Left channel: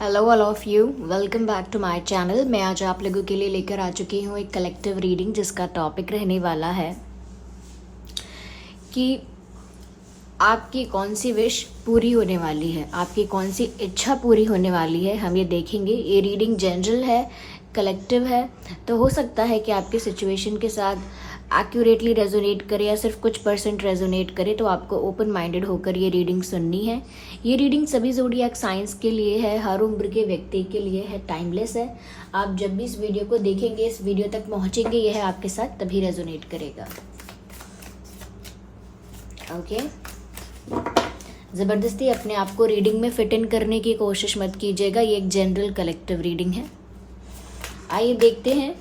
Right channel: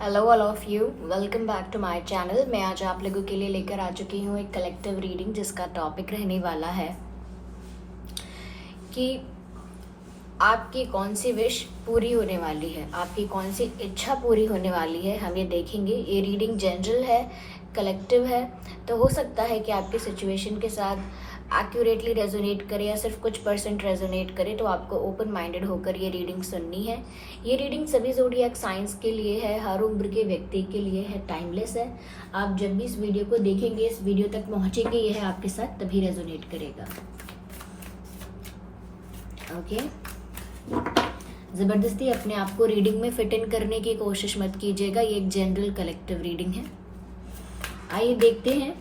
Hello all of you, welcome back to my channel. मैं आज आप लोगों के लिए लेकर आ चुकी हूँ एक कलेक्टिव रीडिंग जिसका टॉपिक रहने वाला है कि आपकी कौन सी विश पूरी होने वाली है, आपकी कौन सी इच्छा पूरी होने वाली है। हम ये देखेंगे। ये रीडिंग जनरल है, कलेक्टिव है, तो हो सकता है कि आपके सिचुएशन के साथ एक्यूरेटली रेजोनेट करे या सिर्फ कुछ परसेंट रेजोनेट करे। तो आपको ओपन माइंडेड होकर ये रीडिंग सुननी है। ये रीडिंग सभी ज़ोडिएक साइंस के लिए है, हर उम्र के व्यक्ति के लिए है, टाइमलेस है। आप जब भी इस वीडियो को देखेंगे, इस वीडियो तक पहुंचेंगे, यह आपके साथ तभी रेजोनेट करेगा। ओके, ज़बरदस्ती अपने आप को रीडिंग में फिट इन करने की कोशिश मत कीजिएगा। ये एक जनरल कलेक्टिव रीडिंग है। आइए देखते हैं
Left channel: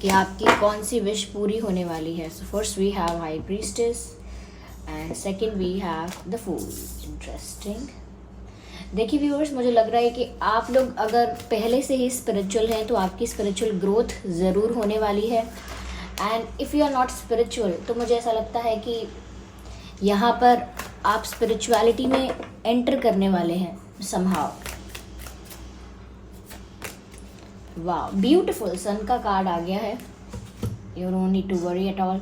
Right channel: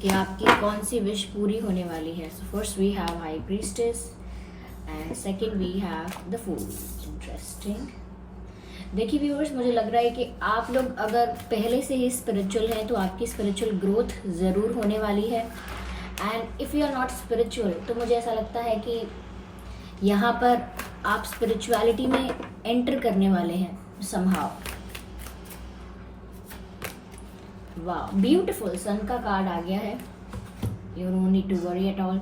कि आपकी कौन सी विश पूरी होने वाली है। So first we have high priestess and second we have the fool. Interesting. देखिए व्यूअर्स, मुझे लग रहा है कि आप लोग अगर पहले से ही स्पिरिचुअल हैं तो आपकी स्पिरिचुअल ग्रोथ ज़रूर होने वाली है। And if you are not spiritual तो मुझे ऐसा लगता है कि यहाँ पर आप स्पिरिचुअलिटी में एंटर करने वाले हैं समहाउ। वाह, ब्यूटीफुल। सन का कार्ड आ गया है। You don't need to worry at all.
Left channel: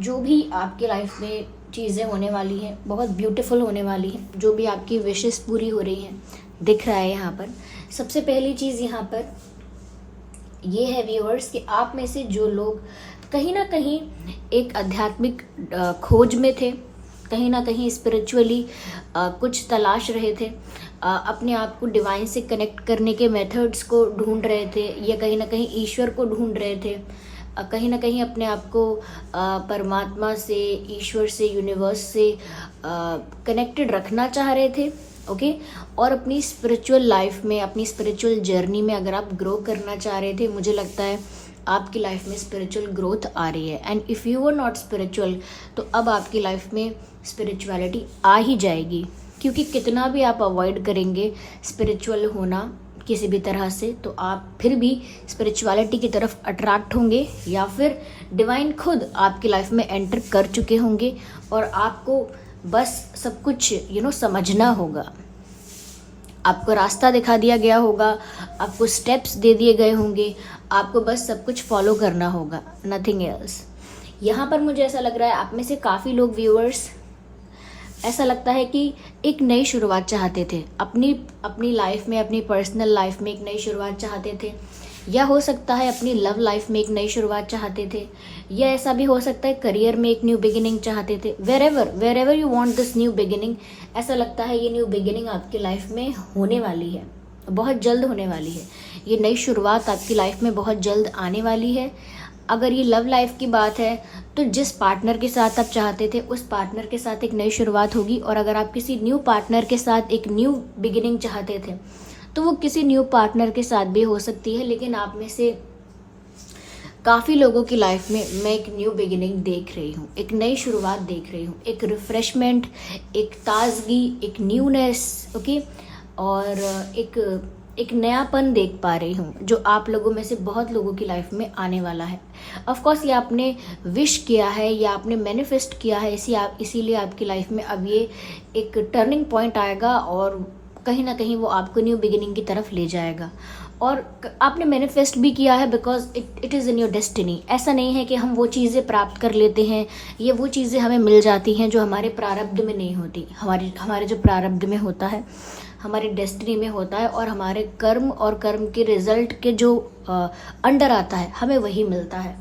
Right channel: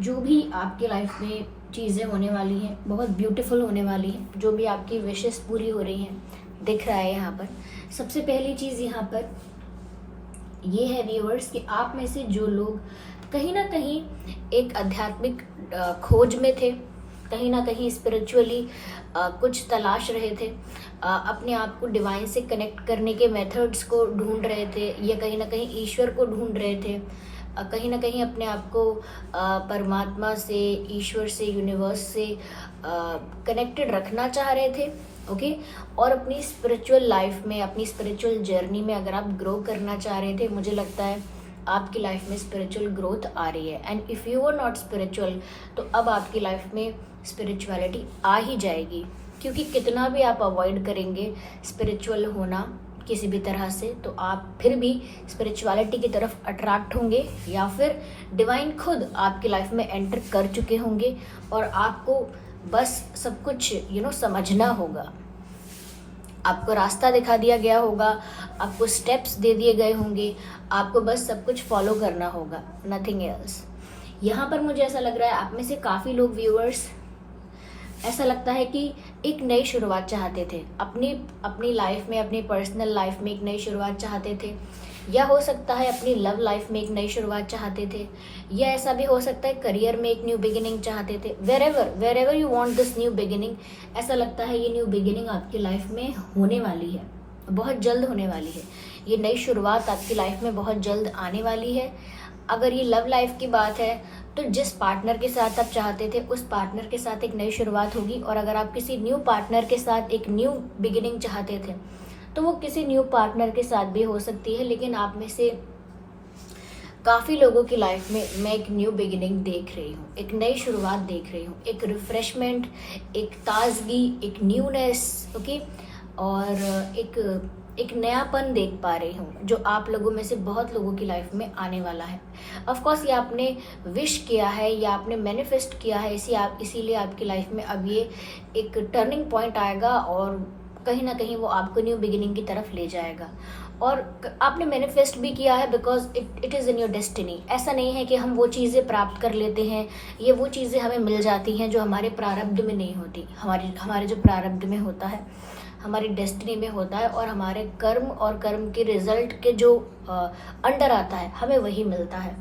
जो भी आपकी लाइफ में चीज़ें होने वाली हैं बहुत ब्यूटीफुल होने वाली हैं। जो भी आपकी विशेस पूरी हो रही हैं दिख रहा है यहाँ पर। सबसे पहली चीज़ यहाँ पर ये है व्यूअर्स कि आप में से जो लोग कहीं ना कहीं एक आध्यात्मिक खोज में थे, कहीं ना कहीं स्पिरिचुअली कुछ तलाश रहे थे, अपने आप को डिवाइन से कनेक्ट करने के मेथड्स को ढूंढ रहे थे, या कहीं ना कहीं ईश्वर को ढूंढ रहे थे, कहीं ना कहीं अपने आप को परमात्मा से, ईश्वर से, यूनिवर्स से कनेक्टेड रखना चाह रहे थे। ओके, और अपनी स्पिरिचुअल लाइफ में, अपनी स्पिरिचुअल जर्नी में अगर आप ग्रो करना चाह रहे थे, मुझे लगता है आपकी लाइफ में स्पिरिचुअल ग्रोथ आ रही है। And if you were not spiritual तो अब आपकी लाइफ में स्पिरिचुअलिटी आ ही जाएगी, क्योंकि कितना भी आप अवॉइड करेंगे स्पिरिचुअल होना किसी भी तरह से, तो आप फिर भी स्पिरिचुअलिटी की तरफ अट्रैक्ट होंगे, या फिर डिवाइन खुद आपकी लाइफ में एंटर कर चुके होंगे और आपको बस सब कुछ समझना होगा। आपको रास्ता दिखा दिया गया होगा, आपको स्टेप्स दे दिए गए होंगे, आपको बस सब कुछ फॉलो करना होगा, नथिंग एल्स। यहाँ पर मुझे ऐसा लग रहा है आप में से काफ़ी लोग व्यूअर्स ऐसा लगता है कि एक नई शुरुआत चाहते थे अपनी लाइफ में, अपनी पर्सनल लाइफ में एक नई शुरुआत चाहते थे, या हो सकता है अपनी लव लाइफ में एक नई शुरुआत चाहते थे, या ऐसा भी हो सकता है करियर में एक न्यू बिगिनिंग चाहते थे। Wherever you want this new beginning, ऐसा लगता है ये न्यू बिगिनिंग आपकी लाइफ में होने वाली है, बहुत जल्द होने वाली है। ये नई शुरुआत आपकी लाइफ में बहुत जल्द आने वाली है। अगर ये लव लाइफ की बात है तो जिस पार्टनर के साथ आप चाहते थे उस पार्टनर के साथ एक नई शुरुआत होगी, और अगर आप किसी न्यू पार्टनर के साथ एक न्यू बिगिनिंग चाहते थे तो वो किसी न्यू पार्टनर के साथ भी हो सकती है। लेकिन आप में से काफ़ी लोगों की लाइफ में मैं एक न्यू बिगिनिंग देख रही हूँ, एक नई शुरुआत देख रही हूँ, एक रिफ्रेशमेंट, एक ताजगी, एक न्यूनेस, ओके, और एक नयापन देख पा रही हूँ जो आप लोगों में से बहुत लोगों की लाइफ में आने वाला है। ऑफ कोर्स ये आपने विश किया है या आपने मैनिफेस्ट किया है, इसीलिए आपकी लाइफ में अब ये एक टर्निंग पॉइंट आएगा और कहीं ना कहीं वो आपको न्यू बिगिनिंग की तरफ ले जाएगा। और आपने मैनिफेस्ट भी किया है because it is in your destiny. ऐसा नहीं है कि हम वो चीज़ें प्राप्त कर लेते हैं या वो चीज़ें हमें मिल जाती हैं जो हमारे प्रारब्ध में नहीं होती। हमारे जो प्रारब्ध में होता है, हमारी डेस्टिनी में होता है, और हमारे कर्म और कर्म के रिजल्ट के जो अंडर आता है हमें वही मिलता है।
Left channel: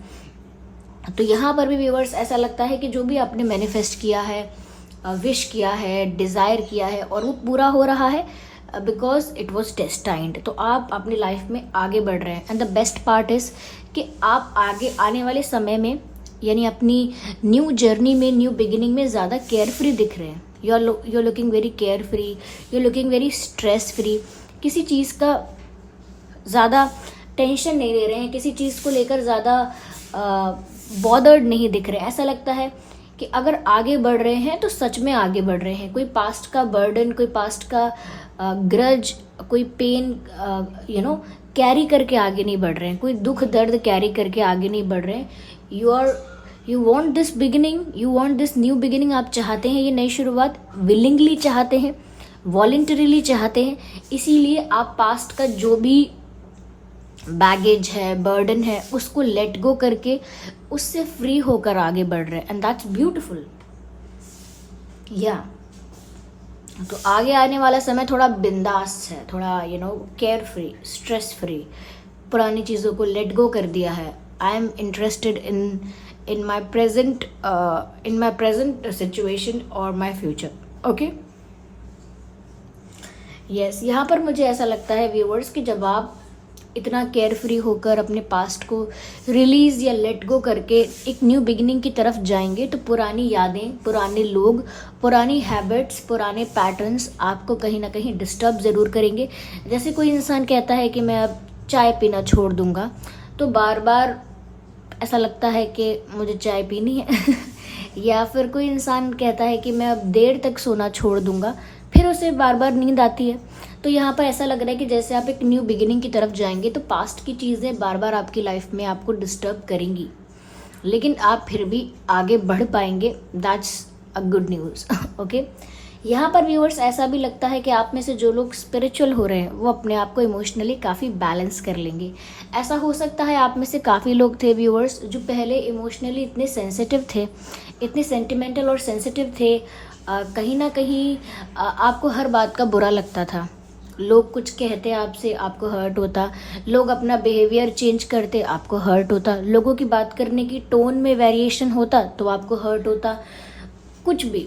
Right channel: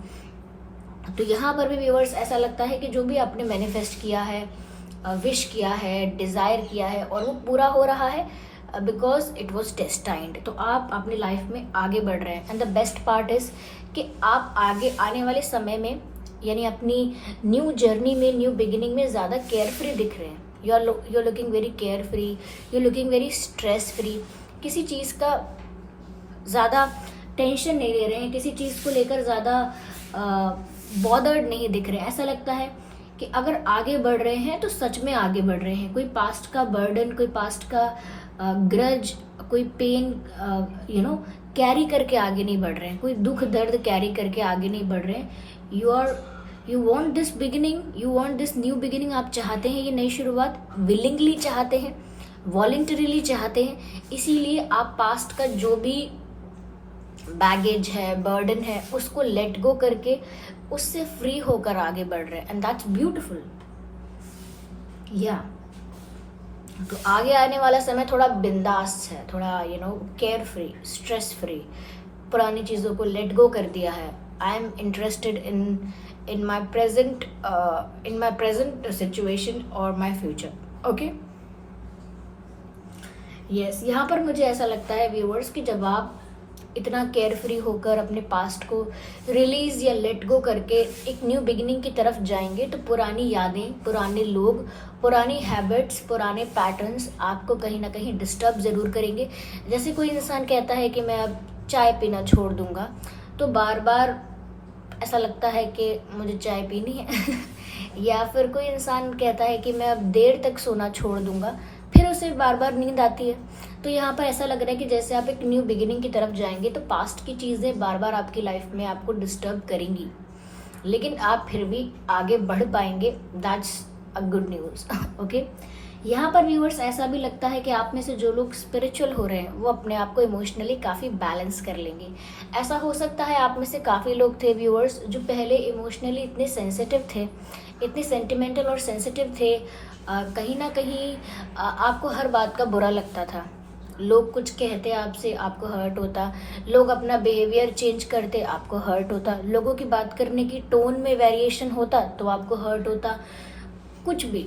तो यहाँ पर भी व्यूअर्स ऐसा लगता है कि जो भी आपने मैनिफेस्ट किया है, विश किया है, डिज़ायर किया है, और वो पूरा हो रहा है बिकॉज इट वॉज डेस्टाइंड। तो आप अपनी लाइफ में आगे बढ़ रहे हैं। And the best part is कि आप आगे आने वाले समय में, यानी अपनी न्यू जर्नी में, न्यू बिगिनिंग में ज़्यादा केयर फ्री दिख रहे हैं। You are looking very care free, you are looking very stress free. किसी चीज़ का ज़्यादा टेंशन नहीं ले रहे हैं, किसी चीज़ को लेकर ज़्यादा बॉदर्ड नहीं दिख रहे। ऐसा लगता है कि अगर आगे बढ़ रहे हैं तो सच में आगे बढ़ रहे हैं। कोई पास्ट का बर्डन, कोई पास्ट का ग्रज, कोई पेन कैरी करके आगे नहीं बढ़ रहे हैं, कोई दुख दर्द कैरी करके आगे नहीं बढ़ रहे हैं। You want this beginning, you want this new beginning. आप चाहते हैं ये नई शुरुआत, विलिंगली चाहते हैं, वॉलंटरीली चाहते हैं, इसीलिए आप पास्ट का जो भी बैगेज है, बर्डन है, उसको लेट गो करके उससे फ्री होकर आगे बढ़ रहे हैं, एंड दैट्स ब्यूटिफुल। या तो आगे आने वाला समय थोड़ा बिंदास है, थोड़ा केयर फ्री, स्ट्रेस फ्री, पुरानी चीज़ों को लेट गो कर दिया है। I am interested in my present situation और माई फ्यूचर। ओके, यस, यहाँ पर मुझे ऐसा लगता है व्यूअर्स कि जब आप इतना केयर फ्री होकर अपने पास्ट को रिलीज या लेट गो करके एक न्यू बिगिनिंग की तरफ जाएंगे, तो पुरानी यादें, पुराने लोग, पुरानी हैबिट्स, पुराने पैटर्न्स आपको कहीं ना कहीं डिस्टर्ब ज़रूर करेंगे। जैसे कोई इंसान कहता है कि मैं अब चाय पीना छोड़ दूंगा, तो बार बार ऐसा लगता है कि मुझे चाय पीनी है या फिर कोई इंसान कहता है कि मैं अब देर तक सोना छोड़ दूंगा, फिर उसे बार बार नींद आती है। तो यहाँ पर ऐसा लग रहा है कि जैसे आप एक न्यू बिगिनिंग की तरफ जाएंगे, तो पास्ट की चीज़ें बार बार आपकी लाइफ में आपको डिस्टर्ब करेंगी, लेकिन आप फिर भी आगे बढ़ पाएंगे। That's a good news. Okay, यहाँ पर व्यूअर्स ऐसा भी लगता है कि आप में से जो लोग स्पिरिचुअल हो रहे हैं वो अपने आप को इमोशनली काफ़ी बैलेंस कर लेंगे। ऐसा हो सकता है आप में से काफ़ी लोग थे व्यूअर्स जो पहले इमोशनली इतने सेंसिटिव थे, इतने सेंटिमेंटल और सेंसिटिव थे, कहीं ना कहीं आपको हर बात का बुरा लगता था। लोग कुछ कहते आपसे, आपको हर्ट होता, लोग अपना बिहेवियर चेंज करते, आपको हर्ट होता, लोगों की बात करने की टोन में वेरिएशन होता तो आपको हर्ट होता। कुछ भी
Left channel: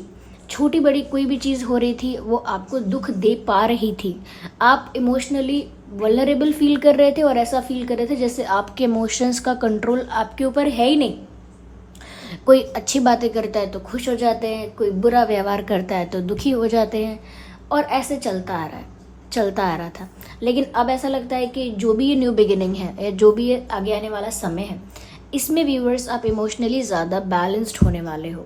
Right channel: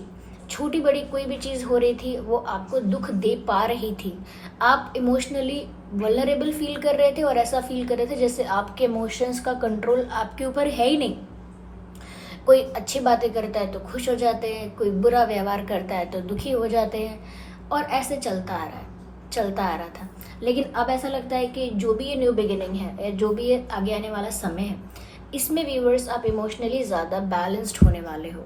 छोटी बड़ी कोई भी चीज़ हो रही थी वो आपको दुख दे पा रही थी। आप इमोशनली वल्नरेबल फील कर रहे थे और ऐसा फील कर रहे थे जैसे आपके इमोशंस का कंट्रोल आपके ऊपर है ही नहीं। कोई अच्छी बातें करता है तो खुश हो जाते हैं, कोई बुरा व्यवहार करता है तो दुखी हो जाते हैं, और ऐसे चलता आ रहा था। लेकिन अब ऐसा लगता है कि जो भी ये न्यू बिगिनिंग है या जो भी ये आगे आने वाला समय है, इसमें व्यूअर्स आप इमोशनली ज़्यादा बैलेंस्ड होने वाले हो।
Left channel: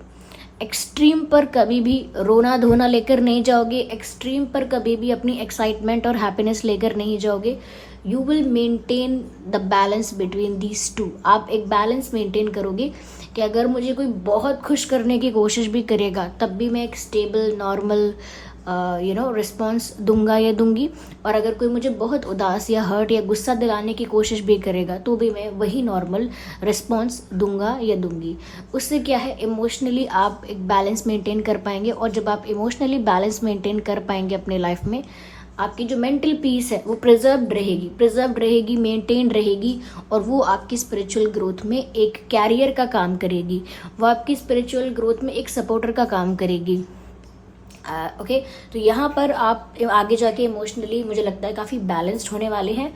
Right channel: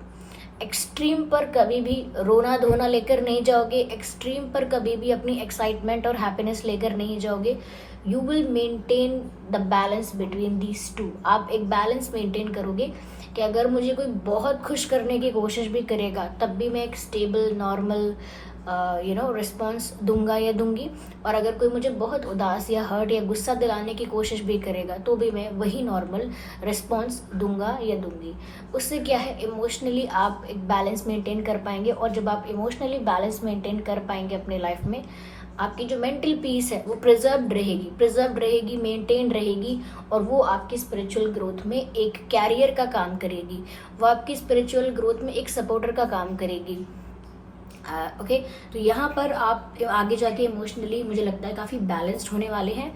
एक्सट्रीम पर कभी भी रोना धोना लेकर नहीं जाओगे, एक्सट्रीम पर कभी भी अपनी एक्साइटमेंट और हैप्पीनेस लेकर नहीं जाओगे। You will maintain the balance between these two. आप एक बैलेंस मेंटेन करोगे कि अगर मुझे कोई बहुत खुश करने की कोशिश भी करेगा तब भी मैं एक स्टेबल नॉर्मल रिस्पॉन्स दूंगा या दूंगी, और अगर कोई मुझे बहुत उदास या हर्ट या गुस्सा दिलाने की कोशिश भी करेगा तो भी मैं वही नॉर्मल रिस्पॉन्स दूंगा या दूंगी। उससे क्या है, इमोशनली आप एक बैलेंस मेंटेन कर पाएंगे, और जब आप इमोशनली बैलेंस मेंटेन कर पाएंगे अपने लाइफ में, आपकी जो मेंटल पीस है वो प्रिजर्व्ड रहेगी, मेंटेन रहेगी, और वो आपकी स्पिरिचुअल ग्रोथ में एक कैरियर का काम करेगी, वो आपकी स्पिरिचुअल ग्रोथ में एक सपोर्टर का काम करेगी। ओके, तो यहाँ पर आप आगे जाके इमोशनली मुझे लगता है काफ़ी बैलेंस्ड होने वाले हैं।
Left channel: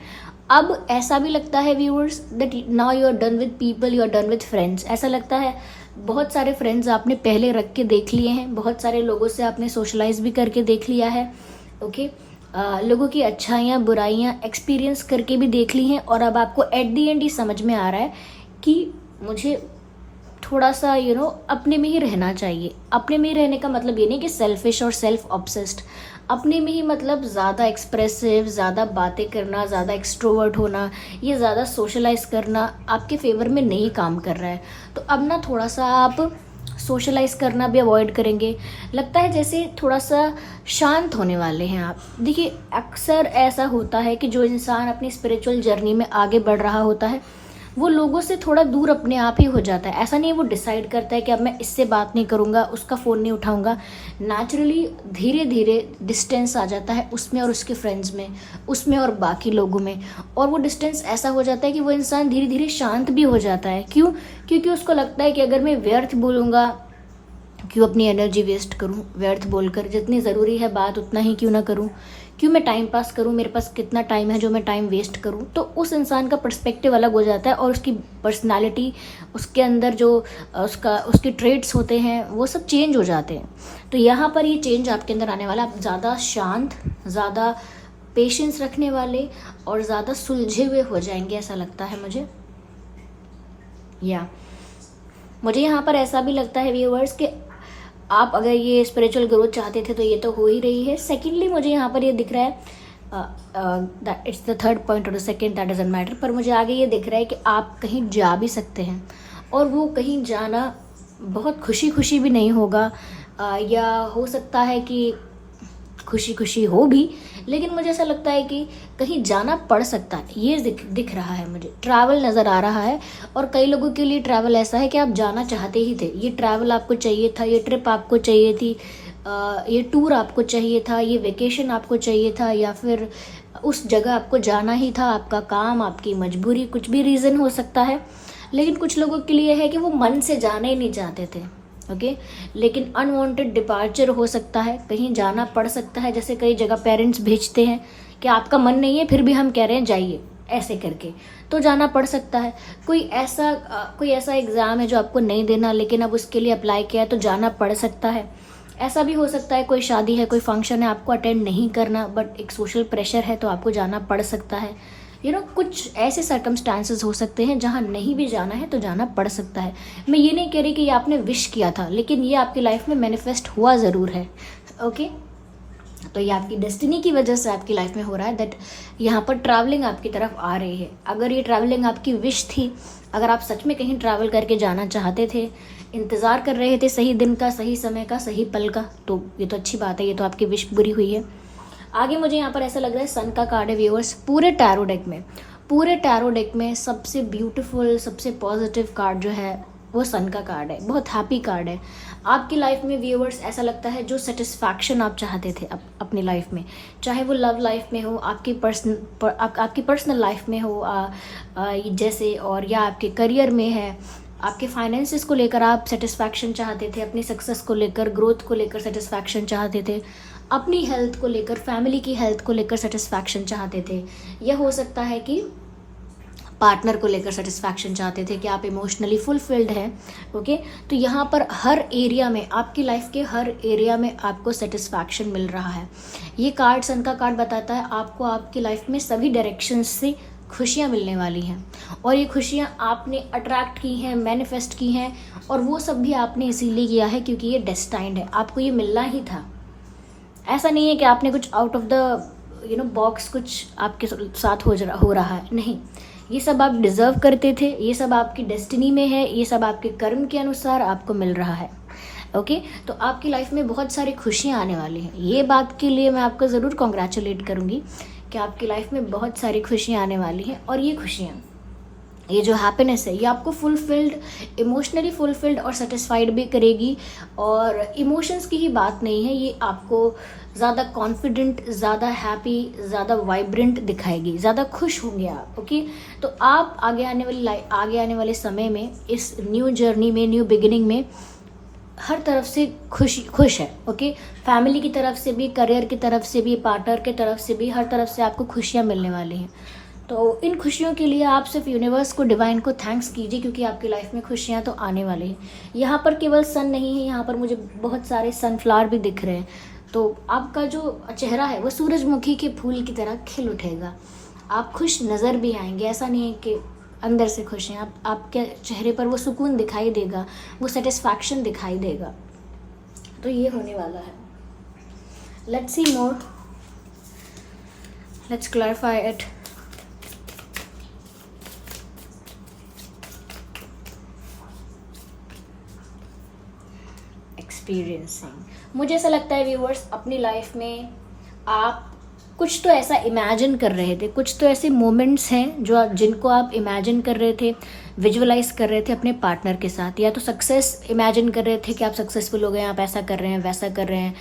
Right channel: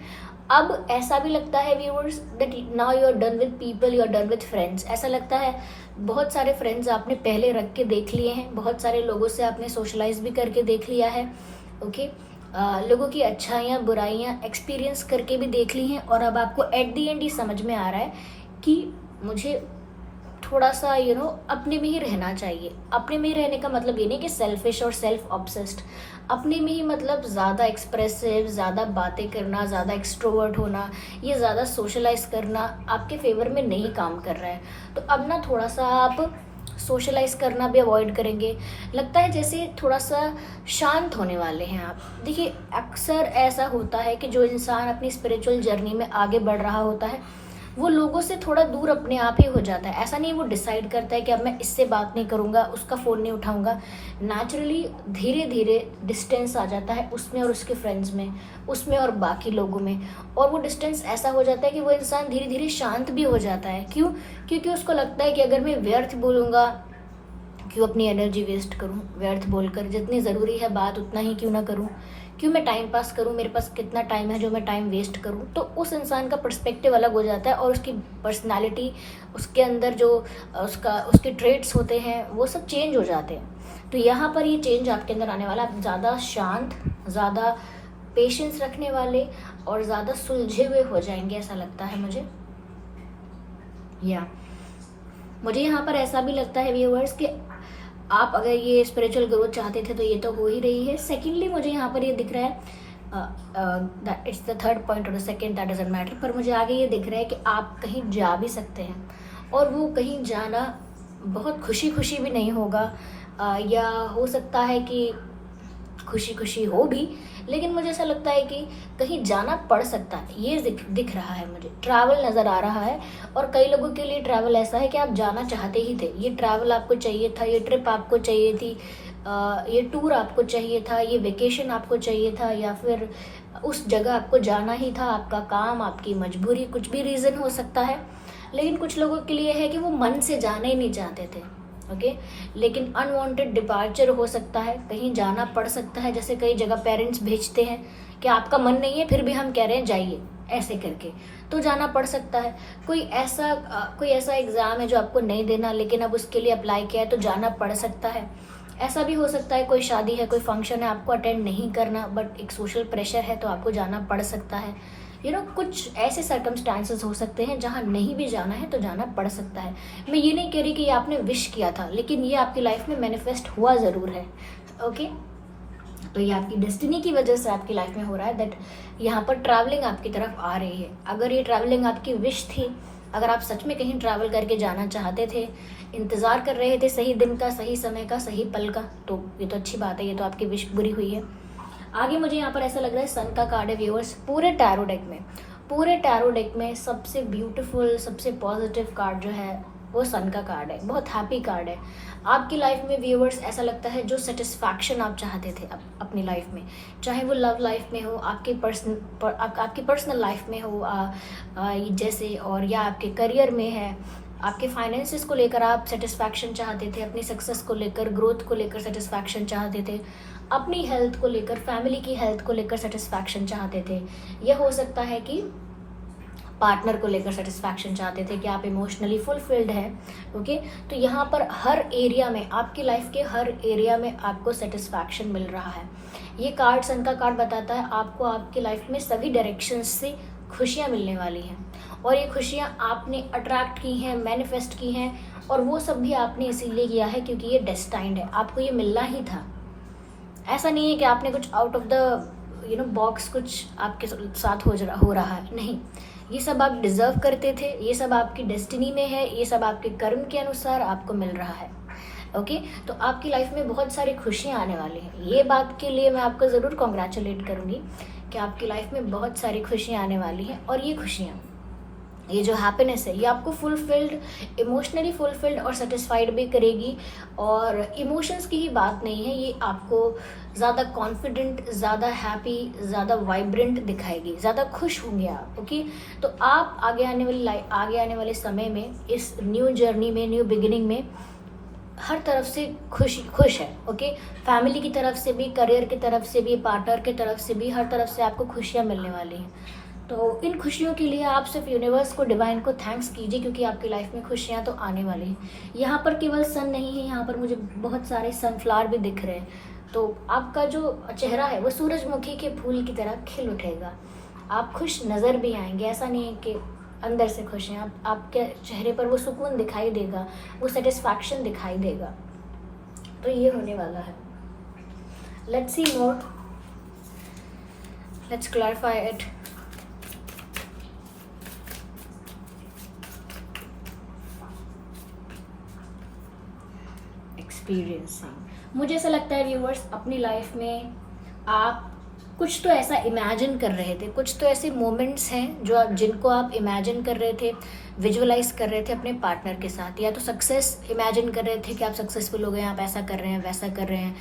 अब ऐसा भी लगता है viewers that now you are done with people, you are done with friends. ऐसा लगता है बहुत सारे फ्रेंड्स आपने पहले रख के देख लिए हैं, बहुत सारे लोगों से आपने सोशलाइज भी करके देख लिया है। ओके, लोगों की अच्छाइयाँ बुराइयाँ एक्सपीरियंस करके भी देख ली हैं, और अब आपको एट द एंड ये समझ में आ रहा है कि मुझे थोड़ा सा अपने में ही रहना चाहिए। अपने में ही रहने का मतलब ये नहीं कि सेल्फिश और सेल्फ ऑब्सेस्ड, अपने में ही मतलब ज़्यादा एक्सप्रेसिव, ज़्यादा बातें करना, ज़्यादा एक्सट्रोवर्ट होना, ये ज़्यादा सोशलाइज करना आपके फेवर में नहीं काम कर रहा है। तो अब ना थोड़ा सा आप सोशलाइज करना भी अवॉइड करेंगे। लगता है जैसे थोड़ा सा शांत होने वाले हैं आप। देखिए, अक्सर ऐसा होता है कि जो इंसान अपनी स्पिरिचुअल जर्नी में आगे बढ़ रहा होता है वो लोगों से थोड़ा दूर अपने आप ही हो जाता है। ऐसा नहीं है वो डिसाइड करता है कि अब मैं इससे बात नहीं करूँगा, उसका फ़ोन नहीं उठाऊँगा। नेचुरली धीरे धीरे डिस्टेंस आ जाता है उसमें और उसके फ्रेंड्स में, उसमें और बाकी लोगों में, और वो डिस्टेंस ऐसा हो जाता है कि वो इंसान धीरे धीरे शांत भी हो जाता है। क्यों? क्योंकि उसको लगता है कि अगर मैं व्यर्थ बोलूँगा, क्यों अपनी एनर्जी वेस्ट करूँ व्यर्थ बोलकर, जितनी ज़रूरी है बात उतना ही क्यों ना करूँ, क्यों मैं टाइम पास करूँ, मेरे पास कितना टाइम है जो मैं टाइम वेस्ट करूँ। तो उस इंसान का पर्सपेक्टिव अलग हो जाता है, और उसकी पर्सनालिटी, उसके अंदर जो उसके ट्रेड्स होते हैं वो सब चेंज हो जाते हैं। तो यहाँ पर ये चेंज आपके अंदर आने वाला, आप ज़्यादा शांत, ज़्यादा पेशेंस रखने वाले और ज़्यादा सुलझे हुए हो जाएंगे, ऐसा लगता है मुझे। मुझे यहाँ पर ऐसा भी लगता है व्यूअर्स कि आप अगर ये स्पिरिचुअल ग्रोथ चाहते थे तो ये तो हो ही रही है। सेकेंडली मुझे यहाँ पर ये दिख रहा है, इट्स द थर्ड पॉइंट और the second, that doesn't matter, पर मुझे आगे ये दिख रहा है कि आप कहीं जा भी सकते हैं, और वो कहीं जाना बहुत खुशी खुशी भी नहीं होगा, या हो सकता है कि खुशी खुशी हो भी, लेकिन मुझे ऐसा लगता है कि कहीं जाना पड़ सकता है। ये दिख रहा है, मुझे ट्रैवल नज़र आ रहा है। और कई लोगों के लिए ट्रैवल ऐसा है कि आप जाना चाहते ही थे, ये ट्रैवल आपको चाहिए था, ये ट्रिप आपको चाहिए थी, ये टूर आपको चाहिए था, ये वेकेशन आपको चाहिए था, या फिर उस जगह आपको जाना ही था। आपका काम, आपकी मजबूरी, कुछ भी रीज़न हो सकता है। लेकिन कुछ लोगों के लिए है कि वो मन से जाने ही नहीं चाहते थे, ओके। लेकिन अनवांटेड डिपार्चर हो सकता है, कहीं जाना पड़ सकता है। जैसे कई जगह पेरेंट्स भेजते हैं कि आपका मन नहीं है, फिर भी हम कह रहे हैं जाइए, ऐसे करके, तो जाना पड़ सकता है। कोई ऐसा एग्ज़ाम है जो आपको नहीं देना, लेकिन अब उसके लिए अप्लाई किया है तो जाना पड़ सकता है। ऐसा भी हो सकता है कोई शादी है, कोई फंक्शन है, आपको अटेंड नहीं करना, बट एक सोशल प्रेशर है तो आपको जाना पड़ सकता है। कुछ ऐसे सर्कमस्टांसेस हो सकते हैं जहाँ नहीं भी जाना है तो जाना पड़ सकता है। मैं ये नहीं कह रही कि ये आपने विश किया था, लेकिन ये आपकी लाइफ में मैनिफेस्ट हुआ ज़रूर है, ओके। तो ये आपकी डेस्टिनी की वजह से आपकी लाइफ में हो रहा है, दैट यहाँ पर ट्रैवलिंग आपकी तरफ आ रही है। अगर ये ट्रैवलिंग आपकी विश थी, अगर आप सच में कहीं ट्रैवल करके जाना चाहते थे, इंतज़ार कर रहे थे सही दिन का, सही समय का, सही पल का, तो ये तो अच्छी बात है, ये तो आपकी विश पूरी हुई है। आगे मुझे यहाँ पर ऐसा लग रहा है सन का कार्ड है व्यूअर्स। पूरे टैरो डेक में सबसे ब्यूटीफुल, सबसे पॉजिटिव कार्ड जो है वो सन का कार्ड है। बहुत हैप्पी कार्ड है। आपकी लाइफ में व्यूअर्स ऐसा लगता है जो सेटिस्फैक्शन आप चाहते थे अपनी लाइफ में, चाहे वो लव लाइफ में हो, आपकी पर्सनल लाइफ में हो, जैसे, और या आपके करियर में है, आपके फाइनेंसेस को लेकर आप सेटिस्फैक्शन चाहते थे, अपनी सक्सेस को लेकर, ग्रोथ को लेकर सेटिस्फैक्शन चाहते थे, अपनी हेल्थ को लेकर, फैमिली की हेल्थ को लेकर सेटिस्फैक्शन चाहते थे। यह हो सकता है कि पार्टनर को लेकर सेटिस्फैक्शन चाहते थे, कि आप इमोशनली फुलफिल्ड हैं, ओके। तो यहाँ पर हर एरिया में, आपकी लाइफ के हर एरिया में आपको सेटिस्फैक्शन मिल रहा है। ये कार्ड, सन का कार्ड बताता है आपको आपकी लाइफ में सभी डायरेक्शन से खुशियाँ मिलने वाली हैं, और ये खुशियाँ आपने अट्रैक्ट की हैं, मैनिफेस्ट की हैं, और वो सब भी आपने इसीलिए किया है क्योंकि ये डेस्टाइंड है, आपको ये मिलना ही था। ऐसा नहीं है कि आपने कुछ आउट ऑफ द बॉक्स कुछ आपके साथ हो रहा है, नहीं। ये सब आप डिजर्व करते थे, ये सब आपकी डेस्टिनी में है, ये सब आपके कर्म के अनुसार आपको मिल रहा है, ओके। तो आपकी लाइफ में बहुत सारी खुशियाँ आने वाली हैं। ये बात के लिए मैं आपको ज़रूर कॉन्ग्रेचुलेट करूँगी कि आपकी लाइफ में बहुत सारी खुशियाँ आने वाली हैं, और ये खुशियाँ, ये जो हैप्पीनेस है, ये आपको फुलफिल्ड, इमोशनली फुलफिल्ड और सेटिस्फाइड भी करेगी। और इमोशंस की ही बात नहीं है, ये आपको ज़्यादा कॉन्फिडेंट, ज़्यादा हैप्पी, ज़्यादा वाइब्रेंट दिखाएगी, ज़्यादा खुश होंगे आप, ओके। तो आप आगे आने वाले समय में, इस न्यू जर्नी में, न्यू बिगिनिंग में, हर तरफ से खुश है, ओके। फैमिली की तरफ से भी, करियर की तरफ से भी, पार्टनर की तरफ से भी, हर तरफ से आपको खुशियाँ मिलने वाली हैं। तो इन खुशियों के लिए आप सिर्फ यूनिवर्स को, डिवाइन को थैंक्स कीजिए, क्योंकि आपकी लाइफ में खुशियाँ तो आने वाली हैं। यहाँ पर केवल सन नहीं है, यहाँ पर मुझे बहुत सारे सनफ्लावर भी दिख रहे हैं। तो आपका जो चेहरा है वो सूरजमुखी के फूल की तरह खिल उठेगा, आप खुश नज़र भी आएंगे। ऐसा नहीं है कि अंदर से खुश हैं, आपके चेहरे पर वो सुकून दिखाई देगा, वो सेटिस्फैक्शन दिखाई देगा। तो ये होने वाला है। Let's see more, let's clarify it. Experiencing, मुझे ऐसा लगता है व्यूअर्स, अपनी लाइफ में आप कुछ तो ऐसा इमेजिन कर रहे थे, कुछ तो ऐसे मोमेंट्स हैं जिनको आप इमेजिन कर रहे थे, विजुअलाइज कर रहे थे अपने पार्टनर के साथ। या तो सक्सेस इमेजिन कर रहे थे कि आप सक्सेसफुल हो गए, आप ऐसा कर रहे हैं, वैसा कर रहे हैं,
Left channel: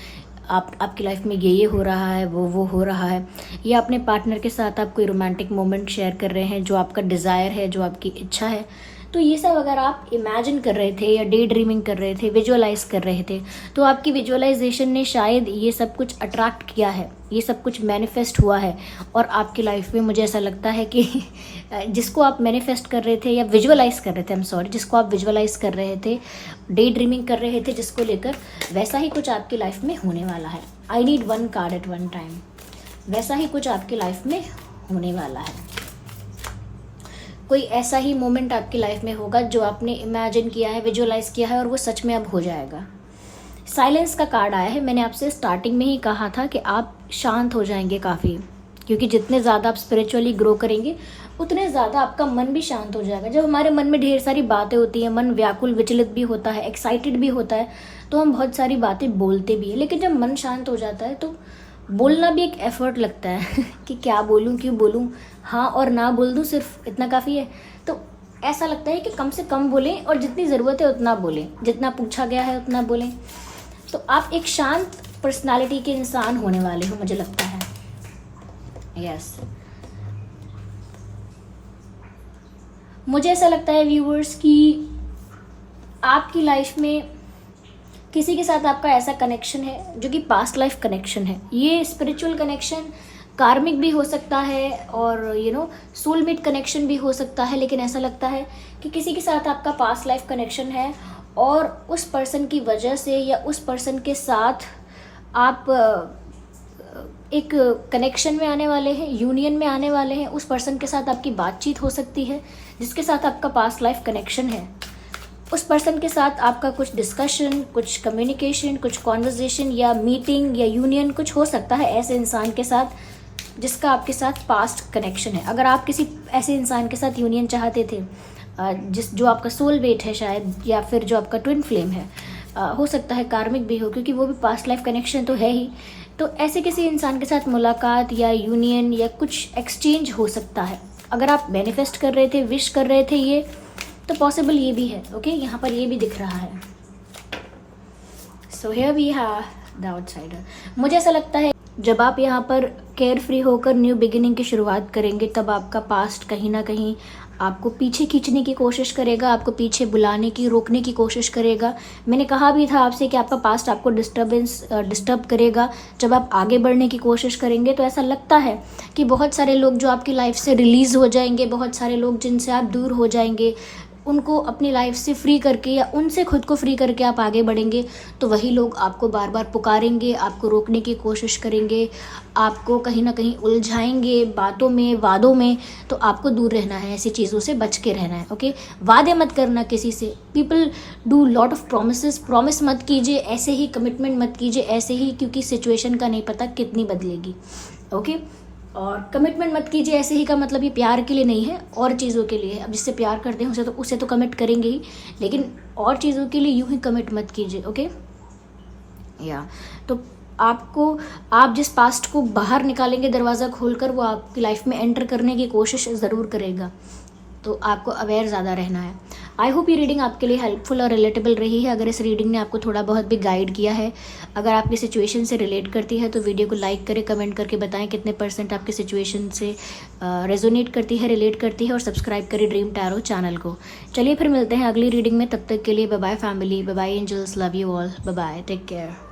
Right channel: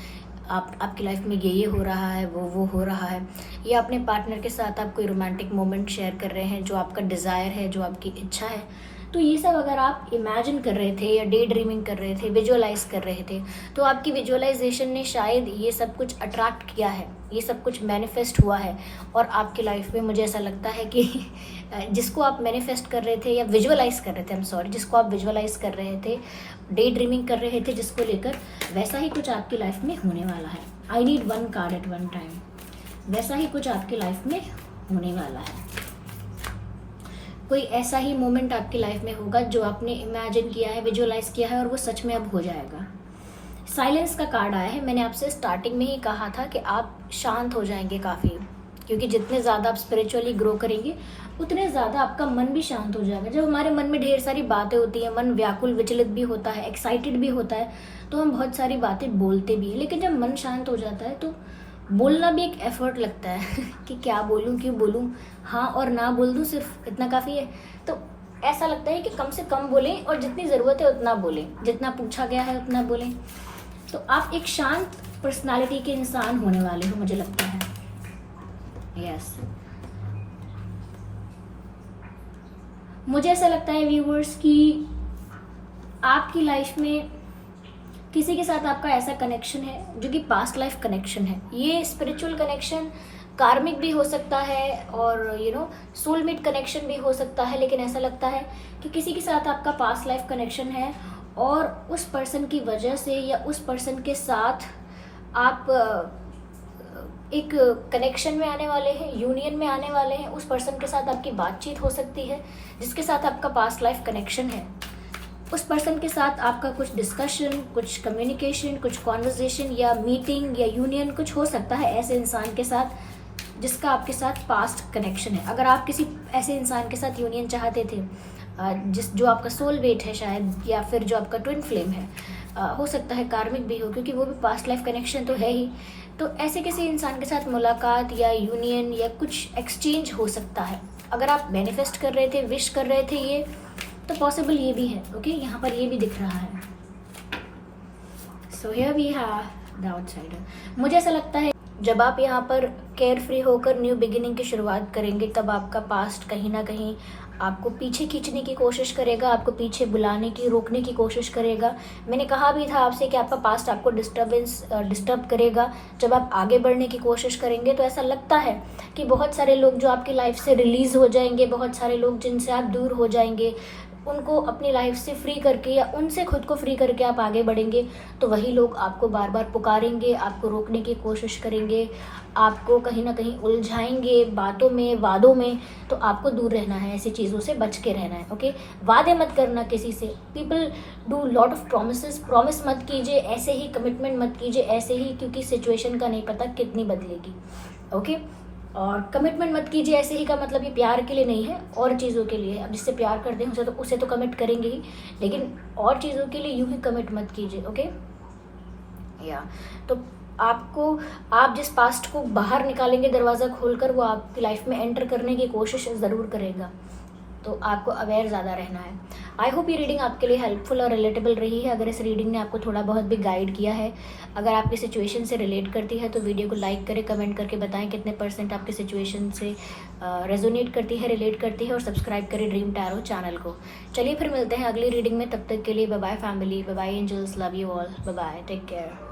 आपकी लाइफ में ये हो रहा है, वो हो रहा है। या अपने पार्टनर के साथ आप कोई रोमांटिक मोमेंट शेयर कर रहे हैं, जो आपका डिज़ायर है, जो आपकी इच्छा है। तो ये सब अगर आप इमेजिन कर रहे थे, या डे ड्रीमिंग कर रहे थे, विजुअलाइज कर रहे थे, तो आपकी विजुअलाइजेशन ने शायद ये सब कुछ अट्रैक्ट किया है, ये सब कुछ मैनिफेस्ट हुआ है। और आपकी लाइफ में मुझे ऐसा लगता है कि जिसको आप मैनिफेस्ट कर रहे थे या विजुअलाइज कर रहे थे, जिसको आप विजुअलाइज कर रहे थे, डे ड्रीमिंग कर रहे थे जिसको लेकर, वैसा ही कुछ आपकी लाइफ में होने वाला है। I need one card at one time. वैसा ही कुछ आपकी लाइफ में होने वाला है। कोई ऐसा ही मोमेंट आपकी लाइफ में होगा जो आपने इमेजिन किया है, विजुअलाइज किया है, और वो सच में अब हो जाएगा। साइलेंस का कार्ड आया है। मैंने आपसे स्टार्टिंग में ही कहा था कि आप शांत हो जाएंगे काफ़ी, क्योंकि जितने ज़्यादा आप स्पिरिचुअली ग्रो करेंगे उतने ज़्यादा आपका मन भी शांत हो जाएगा। जब हमारे मन में ढेर सारी बातें होती हैं, मन व्याकुल, विचलित भी होता है, एक्साइटेड भी होता है, तो हम बहुत सारी बातें बोलते भी हैं। लेकिन जब मन शांत हो जाता है तो बोलना भी एक एफर्ट लगता है कि क्या बोलूँ, क्यों बोलूँ, हाँ और ना बोल दूँ, सिर्फ इतना काफ़ी है। तो ऐसा लगता है कि कम से कम बोलें और जितनी ज़रूरत है उतना बोलें, जितना पूछा गया है उतना बोलें। तो आप एक शांत पर्सनालिटी के इंसान होने वाले हो, मुझे लगता है। यस, मुझे ऐसा लगता है व्यूवर्स कि आपकी लाइफ में किसी के साथ आपका ऐसा कनेक्शन है जो कि पास्ट लाइफ कनेक्शन है। ये स्पिरिचुअल कनेक्शन कार्मिक भी हो सकता है और सोलमेट कनेक्शन भी हो सकता है, लेकिन ऐसा लगता है कि किसी के साथ आपका पास्ट लाइफ कनेक्शन है और उस पर्सन की वजह से या उस पर्सन के साथ आप एक कनेक्शन में आने वाले हैं, यूनियन में आने वाले हैं। उस पर्सन के साथ आपकी बातचीत हो सकती है जिसके साथ आपका पास्ट लाइफ कनेक्शन है। उस पर्सन के साथ आपका कुछ डिस्कशन, कुछ कम्युनिकेशन, कुछ कॉन्वर्जेशन या मीटिंग या यूनियन कुछ हो सकता है ऐसे इंसान के साथ जिसका आपके साथ पास्ट कनेक्शन है। अगर आप किसी ऐसे इंसान के साथ यूनियन चाहते थे जो आपका सोलमेट है शायद, या फिर जो आपका ट्विन फ्लेम है, हो सकता है कार्मिक भी हो क्योंकि वो भी पास्ट लाइफ कनेक्शन तो है ही। तो ऐसे किसी इंसान के साथ मुलाकात या यूनियन या कुछ एक्सचेंज हो सकता है। अगर आप मैनिफेस्ट कर रहे थे, विश कर रहे थे ये, तो पॉसिबल ये भी है। ओके, यहाँ पर ये भी दिख रहा है। So here we have the outsider. मुझे ऐसा लगता है जब आप यहाँ पर केयर फ्री होकर न्यू बिगिनिंग की शुरुआत करेंगे तब आपका पास्ट कहीं ना कहीं आपको पीछे खींचने की कोशिश करेगा, आपको पीछे बुलाने की, रोकने की कोशिश करेगा। मैंने कहा भी था आपसे कि आपका पास्ट आपको डिस्टर्ब करेगा जब आप आगे बढ़ने की कोशिश करेंगे। तो ऐसा लगता है कि बहुत सारे लोग जो आपकी लाइफ से रिलीज़ हो जाएंगे, बहुत सारे लोग जिनसे आप दूर हो जाएंगे, उनको अपनी लाइफ से फ्री करके या उनसे खुद को फ्री करके आप आगे बढ़ेंगे, तो वही लोग आपको बार बार पुकारेंगे, आपको रोकने की कोशिश करेंगे, आपको कहीं ना कहीं उलझाएंगे बातों में, वादों में। तो आपको दूर रहना है, ऐसी चीज़ों से बच के रहना है। ओके, वादे मत करना किसी से। People do lot of promise, promise मत कीजिए ऐसे ही, कमिटमेंट मत कीजिए ऐसे ही, क्योंकि सिचुएशन का नहीं पता कितनी बदलेगी। ओके, और कमिटमेंट मत कीजिए ऐसे ही का मतलब ये प्यार के लिए नहीं है, और चीज़ों के लिए है। अब जिससे प्यार करते हैं उसे तो कमिट करेंगे ही, लेकिन और चीज़ों के लिए यूं ही कमिट मत कीजिए। ओके, या तो आप जिस पास्ट को बाहर निकालेंगे दरवाज़ा खोलकर, वो आपकी लाइफ में एंटर करने की कोशिश ज़रूर करेगा। तो आपको अवेयर ज़्यादा रहना है। आई होप ये रीडिंग आपके लिए हेल्पफुल और रिलेटेबल रही है। अगर इस रीडिंग ने आपको थोड़ा बहुत भी गाइड किया है, अगर आपकी सिचुएशन से रिलेट करती है, तो वीडियो को लाइक करें, कमेंट करके बताएं कितने % आपकी सिचुएशन से रेजोनेट करती है, रिलेट करती है, और सब्सक्राइब करें ड्रीम टैरो चैनल को। चलिए फिर मिलते हैं अगली रीडिंग में, तब तक के लिए bye bye family, bye bye angels, love you all, bye bye, take care.